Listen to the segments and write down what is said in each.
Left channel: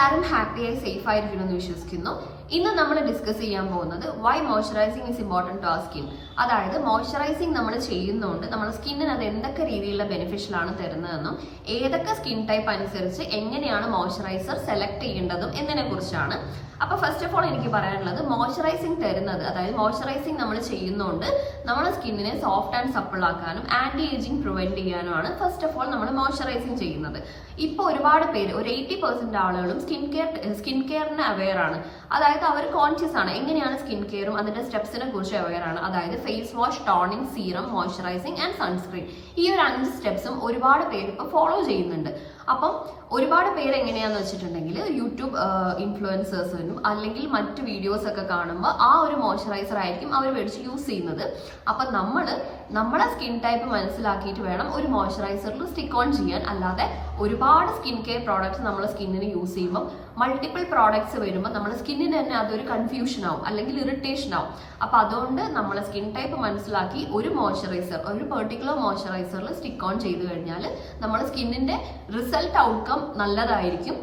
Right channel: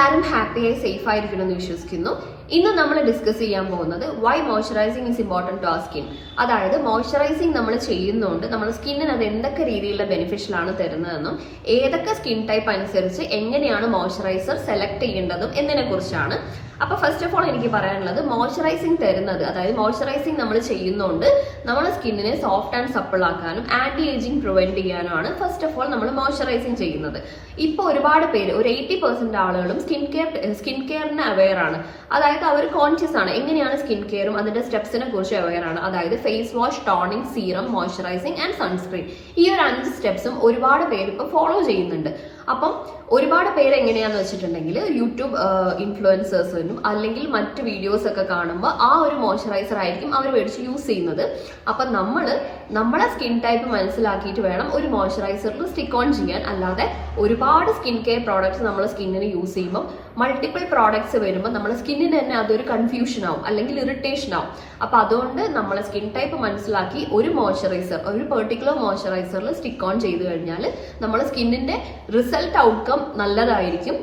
എല്ലാവരും ഹാപ്പിയായി സേഫ് ആയിരിക്കണമെന്ന് വിശ്വസിക്കുന്നു. ഇന്ന് നമ്മൾ ഡിസ്കസ് ചെയ്യാൻ പോകുന്നത് why moisturising is important to ആ സ്കിൻ അതായത് മോയ്സ്ചറൈസിങ് നമ്മൾ ചെയ്യുന്നതുകൊണ്ട് നമ്മുടെ സ്കിന്നിന് അത് എന്തൊക്കെ രീതിയിലുള്ള ബെനിഫിഷ്യൽ ആണ് തരുന്നതെന്നും ഏതൊക്കെ സ്കിൻ ടൈപ്പ് അനുസരിച്ച് എങ്ങനെയാണ് മോയ്സ്ചറൈസർ സെലക്ട് ചെയ്യേണ്ടതും എന്നതിനെ കുറിച്ചാണ് അപ്പൊ ഫസ്റ്റ് ഓഫ് ഓൾ എനിക്ക് പറയാനുള്ളത് മോയ്സ്ചറൈസിങ് തരുന്നത് അതായത് മോയ്സ്ചറൈസിങ് നമ്മൾ ചെയ്യുന്നതുകൊണ്ട് നമ്മുടെ സ്കിന്നിനെ സോഫ്റ്റ് ആൻഡ് സപ്പിൾ ആക്കാനും ആന്റി ഏജിങ് പ്രിവെന്റ് ചെയ്യാനുമാണ് ഫസ്റ്റ് ഓഫ് ഓൾ നമ്മൾ മോയ്സ്ചറൈസിങ് ചെയ്യുന്നത്. ഇപ്പോൾ ഒരുപാട് പേര് ഒരു എയ്റ്റി പെർസെന്റ് ആളുകളും സ്കിൻ കെയർ സ്കിൻ കെയറിന് അവെയർ ആണ്. അതായത് അവർ കോൺഷ്യസ് ആണ് എങ്ങനെയാണ് സ്കിൻ കെയറും അതിന്റെ സ്റ്റെപ്സിനെ കുറിച്ച് അവെയർ ആണ്. അതായത് face wash toning serum moisturising and sunscreen ഈ ഒരു അഞ്ച് സ്റ്റെപ്സും ഒരുപാട് പേര് ഇപ്പോൾ ഫോളോ ചെയ്യുന്നുണ്ട്. അപ്പം ഒരുപാട് പേര് എങ്ങനെയാന്ന് വെച്ചിട്ടുണ്ടെങ്കിൽ യൂട്യൂബ് ഇൻഫ്ലുവൻസേഴ്സിനും അല്ലെങ്കിൽ മറ്റ് വീഡിയോസ് ഒക്കെ കാണുമ്പോൾ ആ ഒരു മോയ്സ്ചറൈസർ ആയിരിക്കും അവർ മേടിച്ച് യൂസ് ചെയ്യുന്നത്. അപ്പം നമ്മൾ നമ്മളെ സ്കിൻ ടൈപ്പ് മനസ്സിലാക്കിയിട്ട് വേണം ഒരു മോയ്സ്ചറൈസറിൽ സ്റ്റിക്ക് ഓൺ ചെയ്യാൻ. അല്ലാതെ ഒരുപാട് സ്കിൻ കെയർ പ്രോഡക്ട്സ് നമ്മൾ സ്കിന്നിന് യൂസ് ചെയ്യുമ്പോൾ മൾട്ടിപ്പിൾ പ്രോഡക്ട്സ് വരുമ്പോൾ നമ്മുടെ സ്കിന്നിന് തന്നെ അതൊരു കൺഫ്യൂഷൻ ആവും അല്ലെങ്കിൽ ഇറിറ്റേഷൻ ആവും. അപ്പൊ അതുകൊണ്ട് നമ്മളെ സ്കിൻ ടൈപ്പ് മനസ്സിലാക്കി ഒരു മോയ്സ്ചറൈസർ ഒരു പെർട്ടിക്കുലർ മോയ്സ്ചറൈസറിൽ സ്റ്റിക്ക് ഓൺ ചെയ്ത് കഴിഞ്ഞാൽ നമ്മുടെ സ്കിന്നിന്റെ റിസൾട്ട് ഔട്ട്കം നല്ലതായിരിക്കും.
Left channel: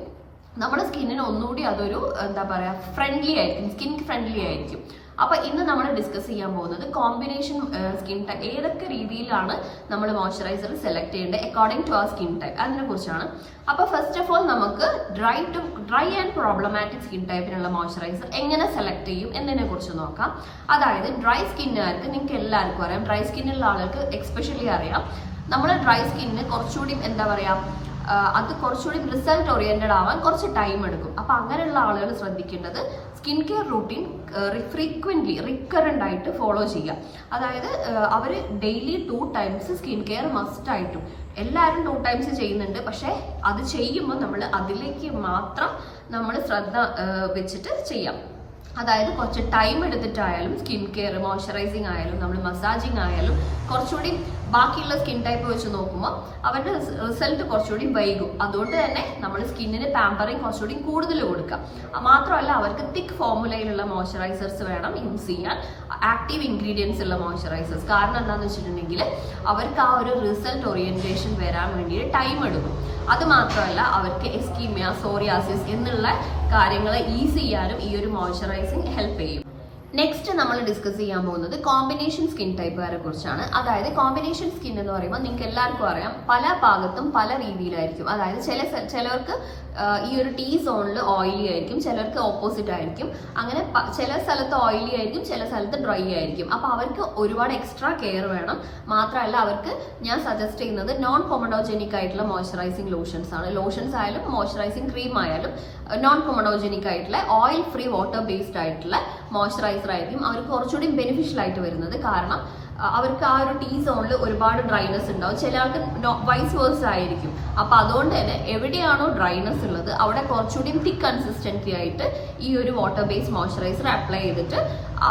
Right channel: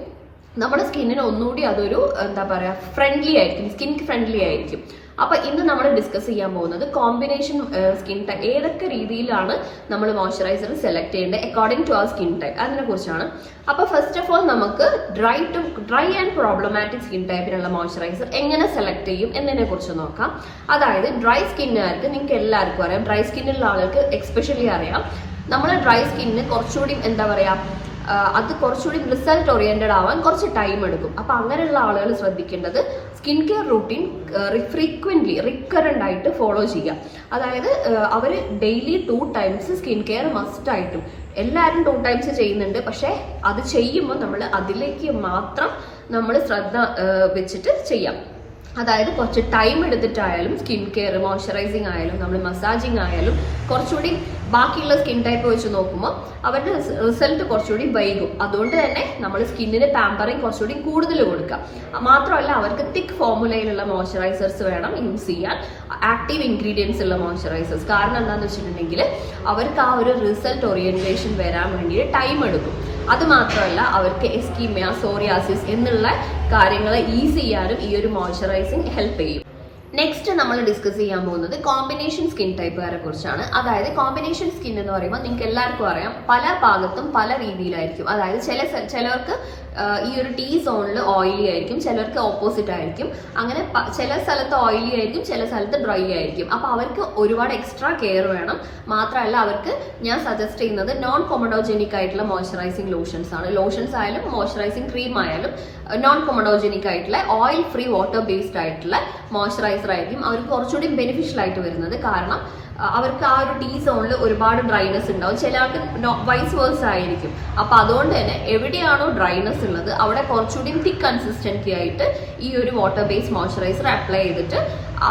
നമ്മുടെ സ്കിന്നിന് ഒന്നുകൂടി അതൊരു എന്താ പറയുക ഫ്രണ്ട്ലി ആയിരിക്കും സ്കിൻ ഫ്രണ്ട്ലി ആയിരിക്കും. അപ്പൊ ഇന്ന് നമ്മൾ ഡിസ്കസ് ചെയ്യാൻ പോകുന്നത് കോമ്പിനേഷൻ സ്കിൻ ടൈപ്പ് ഏതൊക്കെ രീതിയിലാണ് നമ്മൾ മോയ്സ്ചറൈസർ സെലക്ട് ചെയ്യേണ്ടത് according to our skin type അതിനെ കുറിച്ചാണ്. അപ്പൊ ഫസ്റ്റ് ഓഫ് ഓൾ നമുക്ക് dry to dry and problematic skin ടൈപ്പിനുള്ള moisturiser എങ്ങനെ സെലക്ട് ചെയ്യും എന്നതിനെ കുറിച്ച് നോക്കാം. അതായത് ഡ്രൈ സ്കിന്നുകാർക്ക് നിങ്ങൾക്ക് എല്ലാവർക്കും അറിയാം ഡ്രൈ സ്കിന്നുള്ള ആളുകൾക്ക് എക്സ്പെഷ്യലി അറിയാം. നമ്മൾ ഡ്രൈ സ്കിന്നിന് കുറച്ചുകൂടി എന്താ പറയാ അത് കുറച്ചുകൂടി റിസൾട്ട് ഓറിയന്റഡ് ആവാൻ കുറച്ച് ടൈം എടുക്കും. അപ്പൊ അങ്ങനെയുള്ള ആളുകൾ ശ്രദ്ധിക്കേണ്ടത് skin care routine frequently recurrent ആയിട്ട് ഫോളോ ചെയ്യുക. അതായത് അവർ daily two times skin care must ആയിട്ടും. എല്ലാവരും ടു ടൈംസ് ചെയ്യുന്നുണ്ട്. പക്ഷേ അത് ചെയ്യുമ്പോൾ നമ്മൾ അതിലേക്ക് മാത്രം നമ്മൾ ശ്രദ്ധ വെച്ചിട്ട് ചെയ്യാം. അതായത് കുറച്ച് ടൈം എടുത്തിട്ടായാലും സ്കിൻ കെയർ മോയ്സ്ചറൈസിങ് ആയാലും നമ്മൾ മസാജിങ് ആയാലും കുറച്ചുകൂടി ബാക്കിയുള്ള സ്കിൻ ടൈപ്പ് വെച്ച് നോക്കുമ്പോൾ അവരുടെ റിസൾട്ട് കുറച്ചുകൂടി വൈകും. അതുകൊണ്ട് തന്നെ നമ്മൾ സ്കിന്നിന് പാമ്പറിങ് കുറച്ചുകൂടി കൂടുതൽ കൊടുക്കുക. മാത്രമല്ല അവർക്ക് തിക്ക് ഫോർമുലയിലുള്ള മോയ്സ്ചറൈസേഴ്സ് വേണം യൂസ് ചെയ്യാൻ. ആക്റ്റീവ് ഇൻഗ്രീഡിയൻസ് ഉള്ള മോയ്സ്ചറൈസേഴ്സ് കാരണം എന്താണെന്ന് വെച്ചിട്ടുണ്ടെങ്കിൽ അവർക്ക് ആ ഒരു റിസൾട്ട് ഓറിയന്റേഷൻ വരാൻ വേണ്ടിയിട്ട് ടൈം എടുക്കും. അത് മാത്രമല്ല അവർക്ക് എസ്കീമിയ സോറിയാസിസ് എന്നുള്ള കാര്യങ്ങൾ ഈസി ചെയ്യാനും ഈ ഒരു മോയ്സ്ചറൈസിങ് ഹെൽപ്പ് ചെയ്യും. നെക്സ്റ്റ് നമ്മൾ ഡിസ്കസ് ചെയ്യാൻ പോകുന്നത് കോമ്പിനേഷൻ സ്കിൻ ടൈപ്പുകാരെ കുറിച്ചാണ്. അതായത് കോമ്പിനേഷൻ സ്കിൻ എന്ന് പറയുമ്പോൾ നിങ്ങൾക്ക് എല്ലാവർക്കും അറിയാം പല ഭാഗത്തും പല രീതിയിലായിരിക്കും. അതായത് ചില ചിലവർക്ക് ഈ ഒരു ടീ സോണിൽ ഓയിലി ആയിരിക്കും ചിലർക്ക് ഓപ്പോസിറ്റ് ആയിരിക്കും. അങ്ങനെ ചില സ്ഥലത്ത് ഓയിലി ആയിരിക്കും ചില സ്ഥലത്ത് ഡ്രൈ ആയിരിക്കും. അപ്പോൾ അവർക്ക് ഒരുപാട് എക്സ്ട്രാ കെയർ വേണം. മാത്രമല്ല അവർക്ക് ഞാൻ സജസ്റ്റ് ചെയ്യുന്നത് നോൺ കൊമഡോജനിക് ആയിട്ടുള്ള മോയ്സ്ചറൈസിങ് ലോഷൻസ് ആണ്. ലോഷൻസ് ആയാലും മോയ്സ്ചറൈസിങ് ക്രീം ആയാലും നോൺ കൊമഡോജനിക് ആയിട്ടുള്ള ഓയിൽ ഫ്രീ വാട്ടർ ബേസ്ഡ് ആയിട്ടുള്ള മോയ്സ്ചറൈസർ ആയിരിക്കും. അവർക്ക് കുറച്ചുകൂടി ബെനിഫിഷ്യൽ ആയിട്ട് വരുന്നത്. കാരണം അവർക്ക് ആ ഒരു ടീ സോണിൽ ഒരുപാട് ഡ്രൈനെസ് ഉണ്ടാവും. ചില ആൾക്ക് വൈസ് വേഴ്സ് ആയിരിക്കും. അപ്പൊ അതുകൊണ്ട് തന്നെ എവിടെയാണോ ഡ്രൈനെസ് ഉള്ളത് അവിടെ കുറച്ചുകൂടി തിക്ക് കൺസിസ്റ്റൻസി ആയിട്ട് ഈ ഒരു വാട്ടർ ബേസ്ഡ് മോയ്സ്ചറൈസർ അപ്ലൈ ചെയ്തിട്ട്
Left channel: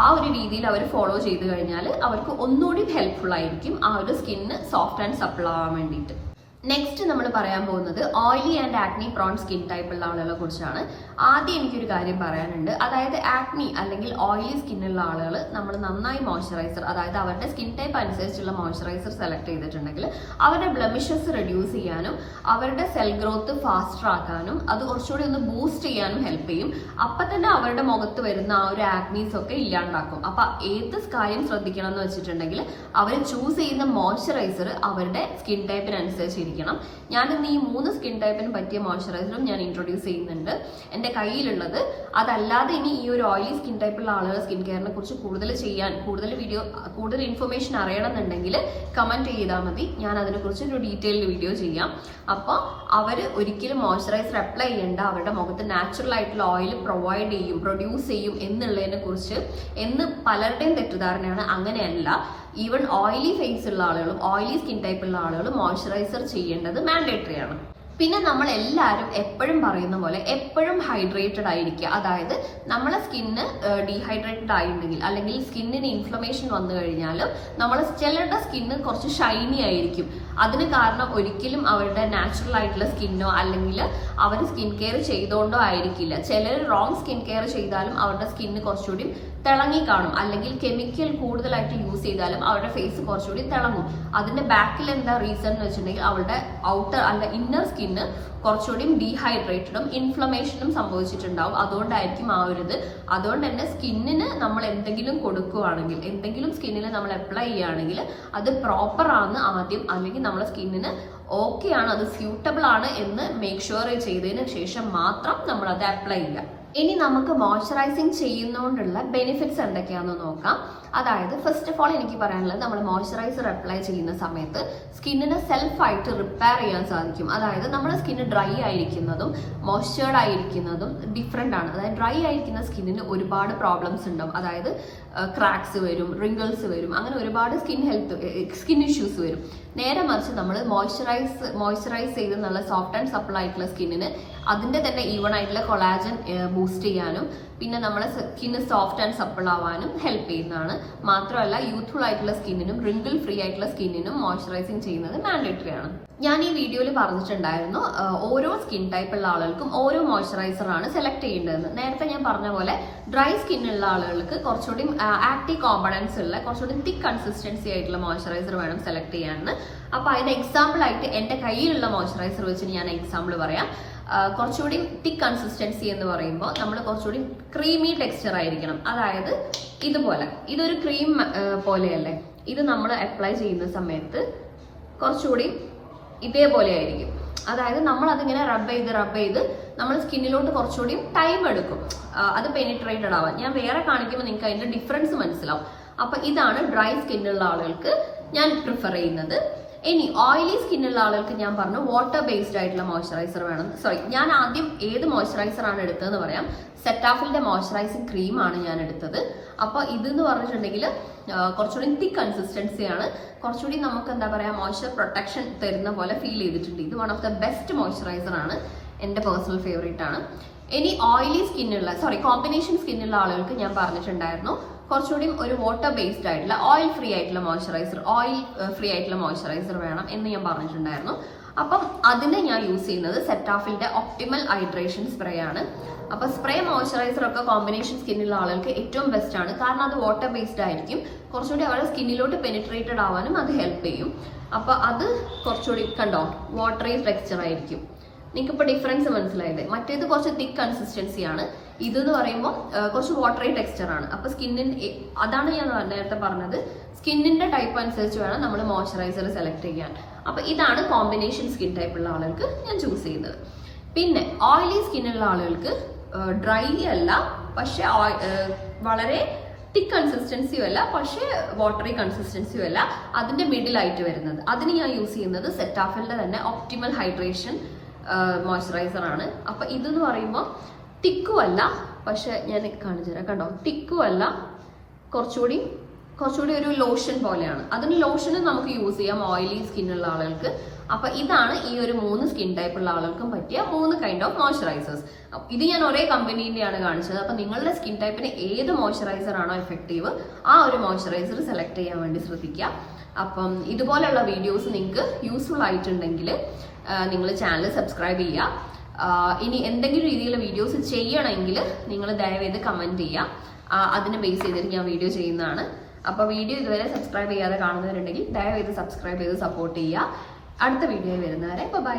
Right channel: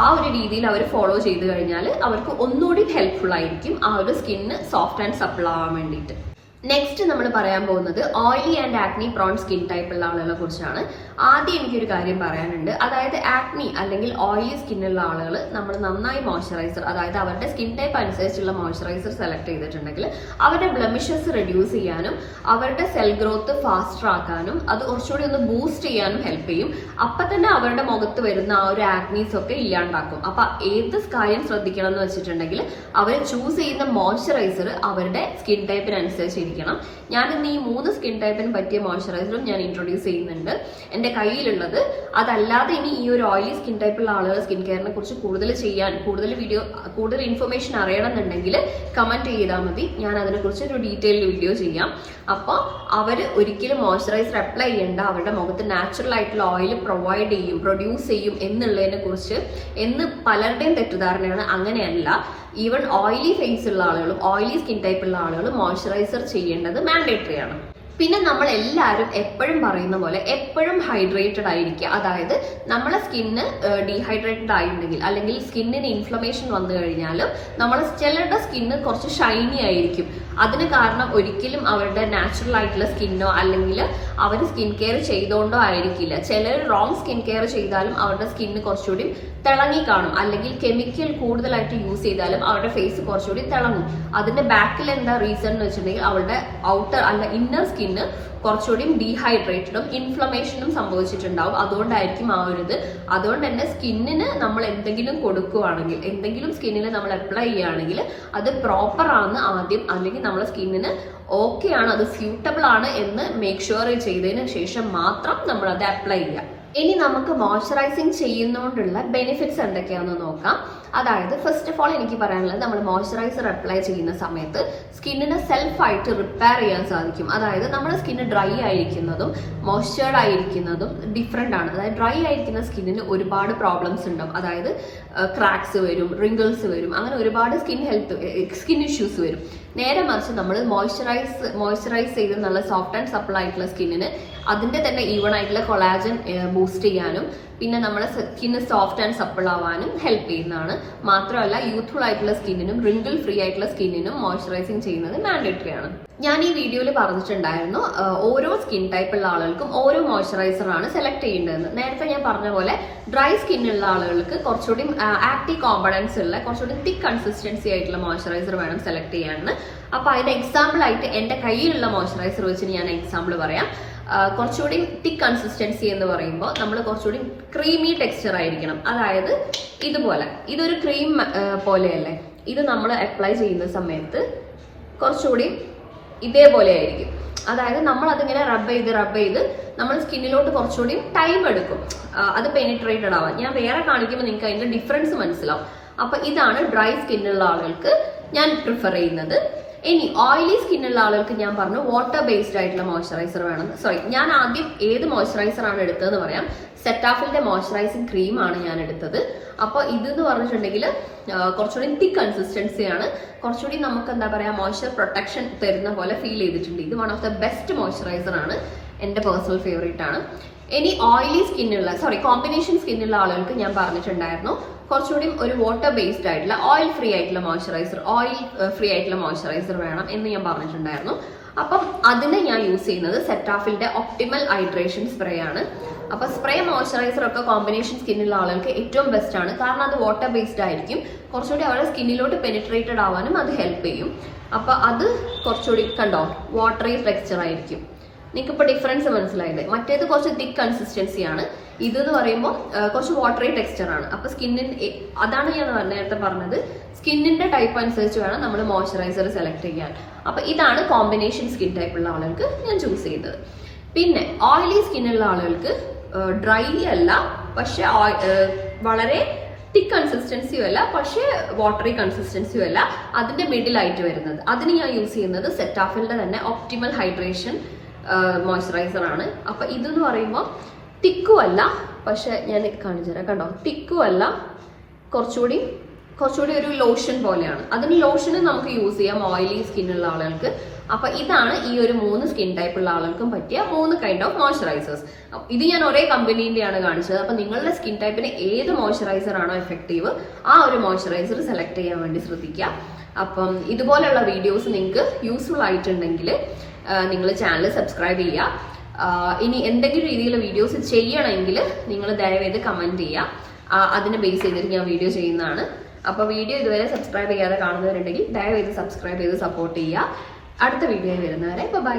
ആ ഒരു രീതിയിൽ അവർ ഫോളോ ചെയ്ത് കഴിഞ്ഞാൽ അവർക്ക് ഒന്നുകൂടി ഹെൽപ്ഫുൾ ആയിരിക്കും ആ ഒരു സ്കിന്ന് സോഫ്റ്റ് ആൻഡ് സപ്പിൾ ആവാൻ വേണ്ടിയിട്ട്. നെക്സ്റ്റ് നമ്മൾ പറയാൻ പോകുന്നത് oily and acne prone skin type ഉള്ള ആളുകളെ കുറിച്ചാണ്. ആദ്യം എനിക്കൊരു കാര്യം പറയാനുണ്ട്. അതായത് ആക്നി അല്ലെങ്കിൽ ഓയിലി ഉള്ള ആളുകൾ നമ്മൾ നന്നായി മോയ്സ്ചറൈസർ അതായത് അവരുടെ സ്കിൻ ടൈപ്പ് അനുസരിച്ചുള്ള മോയ്സ്ചറൈസർ സെലക്ട് ചെയ്തിട്ടുണ്ടെങ്കിൽ അവരുടെ ബ്ലമിഷസ് റെഡ്യൂസ് ചെയ്യാനും അവരുടെ സെൽ ഗ്രോത്ത് ഫാസ്റ്റർ ആക്കാനും അത് കുറച്ചുകൂടി ഒന്ന് ബൂസ്റ്റ് ചെയ്യാനും ഹെൽപ്പ് ചെയ്യും. അപ്പൊ തന്നെ അവരുടെ മുഖത്ത് വരുന്ന ആ ഒരു ആക്നീസ് ഒക്കെ ഇല്ലാണ്ടാക്കും. അപ്പൊ ഏത് കാര്യം ശ്രദ്ധിക്കണം എന്ന് വെച്ചിട്ടുണ്ടെങ്കിൽ അവർ ചൂസ് ചെയ്യുന്ന മോയ്സ്ചറൈസർ അവരുടെ സ്കിൻ ടൈപ്പിനനുസരിച്ചിരിക്കണം ഞാൻ ഇന്ന് ഈ മൂന്ന് സ്കിൻ ടൈപ്പിന് പറ്റിയ മോയ്സ്ചറൈസറും ഞാൻ ഇൻട്രൊഡ്യൂസ് ചെയ്യുന്നുണ്ട്. എന്റെ കയ്യിലുള്ളത് അതല്ലാതെ ഇനി ഈ ഒരു ഓയിലി സ്കിൻ ടൈപ്പുള്ള ആളുകൾ സ്കിൻ കെയറിനെ കുറിച്ച് കൂടുതൽ ചെയ്യാൻ കൂടുതൽ വീഡിയോ കൂടുതൽ ഇൻഫർമേഷൻ അറിയണം എന്നുണ്ടെങ്കിൽ കമന്റ് ചെയ്താൽ മതി. ഞാൻ അതിനെക്കുറിച്ച് ഒരു ഡീറ്റെയിൽഡ് വീഡിയോ ചെയ്യാം. അപ്പോൾ അവർ ഒരിക്കലും മോയ്സ്ചറൈസർ അപ്ലൈ ചെയ്യേണ്ട. അവരുടെ മുഖത്ത് നാച്ചുറൽ ആയിട്ടുള്ള ഓയിൽ പ്രൊവൈഡ് ചെയ്യും പ്രൊഡ്യൂസ് ചെയ്യും എന്നുള്ളതിനെ കുറിച്ച് എന്ന് പലരുടെയും തെറ്റിദ്ധാരണയാണ്. അങ്ങനെയല്ല. ഈവൻ ഓയിലി ഫേസ് ഉള്ള ആളുകളും ഓയിലി സ്കിൻ ടൈപ്പ് ഉള്ള ആളുകളും മോയ്സ്ചറൈസർ ചെയ്യേണ്ടത് മാൻഡേറ്ററി ആണ്. പിന്നെ നമ്മൾ എല്ലാവരും എപ്പോഴും പറയുന്ന പോലെ എപ്പോഴും ഹൈഡ്രേറ്റഡ് ആയിരിക്കുക. അതായത് നമ്മളെ സ്കിന്ന് ഡീഹൈഡ്രേറ്റഡ് ആയിട്ടുണ്ടെങ്കിൽ അല്ലെങ്കിൽ സ്കിന്നിന് ഇൻഫ്ലമേഷൻ വന്നു കഴിഞ്ഞാലും നമ്മളെ ചിലരുടെ സ്കിന്ന് കുറച്ച് ഷൈനി ആയിരിക്കും. അതിന് കാരണം ഒരിക്കലും അവരുടെ നാച്ചുറൽ ആയിട്ടുള്ള സ്കിന്നോ അല്ലെങ്കിൽ അവർ സ്കിൻ കെയർ ചെയ്തുകൊണ്ടോ ആയിരിക്കില്ല. ചിലർ റോങ് സ്കിൻ കെയർ ചെയ്താലും അവരുടെ സ്കിന്ന് കുറച്ചുകൂടി തിളങ്ങി കാണും അല്ലെങ്കിൽ കെമിക്കൽ കൂടുതലായിട്ട് യൂസ് ചെയ്താലും അവരുടെ ഫേസ് കുറച്ചുകൂടി തിളങ്ങും. അതിന്റെ ബാക്കിൽ എന്താ റീസൺ എന്ന് വെച്ചിട്ടുണ്ടെങ്കിൽ അവളുടെ ഔട്ടർ അല്ല ഇന്നർ സ്കിന്ന് കുറച്ചുകൂടി ഡീഹൈഡ്രേറ്റഡും ഇൻഫ്ലമേഷനും സംഭവിച്ചിട്ടുണ്ടാവും. അതുകൊണ്ടായിരിക്കും ആ ഒരു ഇത് അതുകൊണ്ട് തന്നെ സ്കിന്നിന് നമ്മൾ എന്തെങ്കിലും കൊടുക്കുകയാണെങ്കിൽ എന്തെങ്കിലും സ്കിന്നിൽ നമ്മൾ അപ്ലൈ ചെയ്യുകയാണെങ്കിൽ അത് പ്രോപ്പർ ആണ് ആദ്യം അല്ലെങ്കിൽ നമ്മളെ സ്കിന്നിന് ഓക്കെ ആണ് അത് സ്യൂട്ടബിൾ ആണ് എന്ന് മേക്ക് ഷുവർ ചെയ്തതിന് ശേഷം മാത്രം നമ്മൾ അത് അപ്ലൈ ചെയ്യുക. ഇനി നമുക്ക് മോയ്സ്ചറൈസിങ് ചെയ്യുന്നതുകൊണ്ടുള്ള ബെനിഫിറ്റ്സ് എന്തൊക്കെയാണെന്ന് നോക്കാം. അതായത് ഫസ്റ്റ് ഓഫ് ഓൾ എനിക്ക് പറയാനുള്ളത് നമ്മൾ മോയ്സ്ചറൈസർ അപ്ലൈ ചെയ്യുന്ന സമയത്ത് സ്കിന്നിനെ സെൽഫായിട്ട് റിപ്പയർ ചെയ്യാൻ സാധിക്കും. അതായത് നമ്മുടെ സ്കിന്ന് ഡ്രൈ ആയിരിക്കുന്നതും മോയ്സ്ചേർഡ് ആയിരിക്കുന്നതും ഡിഫറെന്റ് ആണ്. അതായത് ഡ്രൈ ആയിരിക്കുന്ന സ്കിന്നിന് ഒരുപാട് പ്രോബ്ലംസ് ഉണ്ടാവും. അതായത് ക്രാക്സ് വരും റിങ്കിൾസ് വരും അങ്ങനെ ഒരുപാട് സ്കിൻ ഹെൽത്ത് സ്കിൻ ഇഷ്യൂസ് വരും. നേരെ മറിച്ച് നമ്മൾ മോയ്സ്ചറൈസ് മോയ്സ്ചറൈസ് ചെയ്ത് നല്ല സോഫ്റ്റ് ആൻഡ് സപ്പിൾ ആയിട്ടുള്ള സ്കിന്നിന് അതിന്റെ തന്നെ ഈവൺ ആയിട്ടുള്ള കൊളാജൻ ബൂസ്റ്റ് ചെയ്യാനും പിന്നെ നമ്മുടെ സ്കിന്ന് സോഫ്റ്റ് ആൻഡ് സപ്പിൾ ആവാനും ഹെൽപ്പ് ചെയ്യുന്നതാണ്. മാത്രമല്ല യൂത്ത്ഫുൾ ആയിട്ടുള്ള സ്കിന്നിനും റിങ്കിൾ ഫ്രീ ആയിട്ടുള്ള സ്കിന്നിനും മോയ്സ്ചറൈസിങ് ചെയ്യുന്നത് മാൻഡേറ്ററി ആണ്. ഞാൻ ഈ വീഡിയോയിൽ പറഞ്ഞിട്ടുണ്ടായിരുന്നു ഓരോ സ്കിൻ ടൈപ്പ് ഉള്ള ആളുകൾക്കും ഓരോ മോയ്സ്ചറൈസർ ആണ് സെലക്ട് ചെയ്യേണ്ടതെന്ന്. നേരത്തെ ഞാൻ പറഞ്ഞ പോലെ ഡ്രൈ സ്കിന്നുള്ള ആളുകൾക്ക് കുറച്ചുകൂടി ആക്റ്റീവ് കോമ്പണൻസ് ഉള്ള കുറച്ചുകൂടി തിക്ക് കൺസിസ്റ്റൻസി ആയിട്ടുള്ള മോയ്സ്ചറൈസർ വേണം സെലക്ട് ചെയ്യാൻ. അപ്പൊ അതിന്റെ എക്സാമ്പിൾ ആയിട്ട് എന്റെ കയ്യിലുള്ള മോയ്സ്ചറൈസർ വെച്ചിട്ട് ഞാൻ എക്സാമ്പിൾ പറയാം. കുറച്ചുകൂടി തിക്ക് കൺസിസ്റ്റൻസി എന്ന് പറയുമ്പോൾ നമ്മൾ കുറച്ചുകൂടി ക്രീമി ടെക്സ്ചർ ആയിരിക്കണം. അതായത് ഇതുപോലെ. ഇതൊരു ക്രീം പോലെയല്ലേ. ഇത് നമ്മൾ അപ്ലൈ ചെയ്യുന്ന സമയത്ത് കുറച്ചുകൂടി ഇതേപോലെ ആയിരിക്കും. അതായത് നമ്മൾ അതിങ്ങനെ റബ്ബ് ചെയ്ത് റബ്ബ് ചെയ്ത് നമ്മൾ സ്കിന്നിലോട്ട് കുറച്ചുകൂടി ടൈം എടുക്കും. അത് പെനിട്രേറ്റഡ് ആവാൻ. ഞാൻ വേറെ കാണിക്കുമ്പോൾ നിങ്ങൾക്ക് അതിന്റെ ഡിഫറൻസ് മനസ്സിലാവും. അപ്പൊ ഇതാണ് ഡ്രൈ സ്കിന്നുള്ള ആളുകൾക്ക് ഞാൻ പ്രിഫർ ചെയ്യുന്നത്. ഇനി ഓയിലി സ്കിന്നുള്ള ആളുകൾക്ക് ഞാൻ പറഞ്ഞു വാട്ടർ ബേസ്ഡ് ആയിട്ടുള്ള മോയ്സ്ചറൈസർ വേണം. സോറി ഞാൻ ആദ്യം ഏത് മോയ്സ്ചറൈസർ ആണ് എടുത്തതെന്ന് പറയാം. സെറ്റാഫിന്റെ മോയ്സ്ചറൈസിങ് ക്രീം ആണ് ഞാൻ എടുത്തത്. അപ്പോൾ ഇതെന്ന് പറഞ്ഞിട്ടുണ്ടെങ്കിൽ കുറച്ചുകൂടി തിക്ക് കൺസിസ്റ്റൻസി ആണ്. കുറച്ചുകൂടി നമുക്ക് എന്താ പറയാ മോയ്സ്ചർ പ്രൊട്ടക്ഷൻ തരുന്ന പോലെ ഫീൽ ചെയ്തിട്ടുണ്ട്. ഇത് one of the best moisturiser ആണ്. എന്റെ പേഴ്സണൽ ഫേവറേറ്റ് ആണ്. ഇനി ഓയിലി സ്കിന്നുള്ള സോറി കോമ്പിനേഷൻ സ്കിന്നുള്ള ആളുകൾക്ക് ഞാൻ പറഞ്ഞിട്ടുണ്ടായിരുന്നു. കുറച്ചുകൂടി ഒരു വാട്ടർ ബേസ്ഡ് ആയിട്ടുള്ള ഓയിൽ ഫ്രീ ആയിട്ടുള്ള മോയ്സ്ചറൈസർ ഓയിൽ ഫ്രീ ആയിട്ടുള്ള മോയ്സ്ചറൈസർ വേണം എന്ന് ഞാൻ പറഞ്ഞിട്ടുണ്ടായിരുന്നു. അപ്പം അതിന് ഞാൻ യൂസ് ചെയ്യുന്നത് സെറ്റാഫിലിന്റെ ഒപ്റ്റിമൽ ഹൈഡ്രേഷൻ സ്പ്രേ ആണ്. അപ്പൊ സ്പ്രേ മോയ്സ്ചറൈസർ ഒക്കെ കോമ്പിനേഷൻ സ്കിന്നുള്ള ആളുകൾക്ക് ഏറ്റവും ബെസ്റ്റ് ആണ്. കാരണം അത് വാട്ടർ ബേസ്ഡ് ആയിരിക്കും. കുറച്ചുകൂടി അവരുടെ സ്കിന്നിലോട്ട് പെനിട്രേറ്റഡ് ആവാനും അത് ഹെൽപ്പ് ചെയ്യും. അപ്പൊ അത് കുറച്ചുകൂടി കണ്ടോ വാട്ടറി ടെക്സ്ചർ ആയിരിക്കും. നിങ്ങൾക്ക് ഇപ്പോൾ ഡിഫറൻസ് മനസ്സിലായില്ലേ? മറ്റേത് കുറച്ച് തിക്ക് കൺസിസ്റ്റൻസി ആണ്. ഇത് എന്ന് പറയുമ്പോൾ കുറച്ച് വാട്ടറി ടെക്സ്ചർ ആണ്. അപ്പൊ സ്കിന്നിന്റെ അതാണ് ഞാൻ നേരത്തെ പറഞ്ഞത്. സ്കിന്നിന്റെ ടൈപ്പ് അനുസരിച്ച് വേണം നമ്മൾ മോയ്സ്ചറൈസർ സെലക്ട് ചെയ്യാൻ. അപ്പൊ ഇതാണ് കോമ്പിനേഷൻ സ്കിൻ ടൈപ്പ് ഉള്ള ആളുകൾക്ക് ഞാൻ ചൂസ് ചെയ്തത്. പിന്നെ ഓയിലി സ്കിന്നുള്ള ആളുകൾക്ക് ഡ്രൈ അല്ല പക്ഷെ വളരെ തിക്ക് കൺസിസ്റ്റൻസിയും അല്ല പക്ഷേ വാട്ടറി കൺസിസ്റ്റൻസിയും അല്ല അതിന്റെ മിഡിലായിട്ട് വരുന്നത്. അതിന് ഞാൻ യൂസ് ചെയ്യുന്നത് സെറ്റാഫിലിന്റെ തന്നെ ഒപ്റ്റിമൽ ഹൈഡ്രേഷൻ മോയ്സ്ചറൈസർ ആണ്. അപ്പൊ ഇതെന്ന് പറയുമ്പോൾ തിക്കും അല്ല പക്ഷെ ഞാൻ കാണിച്ചു തരാം. കണ്ടോ? തിക്കുമല്ല കുറച്ചുകൂടി കുറച്ചുകൂടി ഒരു ലോഷൻ പോലെയാണ്. അതിന് ലോഷന് നമുക്ക് യൂസ് ചെയ്യാം ഓയിലി സ്കിന്നുള്ള ആളുകൾക്ക്. അപ്പൊ ഇതാണ് ഈ ഒരു മൂന്ന് സ്കിൻ ടൈപ്പ് ഉള്ള ആളുകൾക്കും പറ്റിയ മൂന്ന് കൈൻഡ് ഓഫ് മോയ്സ്ചറൈസേഴ്സ് ഇത് ഞാൻ ഒരേ കമ്പനീന്റെയാണ് കാണിച്ചത്. അപ്പൊ നിങ്ങളുടെ സ്കിൻ ടൈപ്പിന് ഏത് മോയ്സ്ചറൈസർ ആണോ എഫക്റ്റീവ് ആ ഒരു മോയ്സ്ചറൈസർ സെലക്ട് ചെയ്യാൻ വേണ്ടി ശ്രദ്ധിക്കുക. അപ്പം ഇതുപോലെയുള്ള വീഡിയോസ് നിങ്ങൾക്ക് യൂസ്ഫുൾ ആയിട്ടുണ്ടെങ്കിൽ നിങ്ങൾ ചാനൽ സബ്സ്ക്രൈബ് ചെയ്യുക. ഇനി എന്തെങ്കിലും രീതിയിലുള്ള വീഡിയോസ് ചെയ്യണമെങ്കിൽ നിങ്ങൾ ദയവേത് കമന്റ് ചെയ്യുക. ആഹ് അതിനെ ബേസ് ചെയ്തിട്ട് ഞാൻ വീഡിയോ ചെയ്യുന്നതാണ്. അപ്പോൾ വീഡിയോ ഇതുവരെ സബ്സ്ക്രൈബ് ചെയ്യാതെ കാണുന്നവരുണ്ടെങ്കിൽ ദയവേത് സബ്സ്ക്രൈബ് ചെയ്ത് സപ്പോർട്ട് ചെയ്യുക. അടുത്ത വീഡിയോയിൽ വരുന്നവരെ ബൈ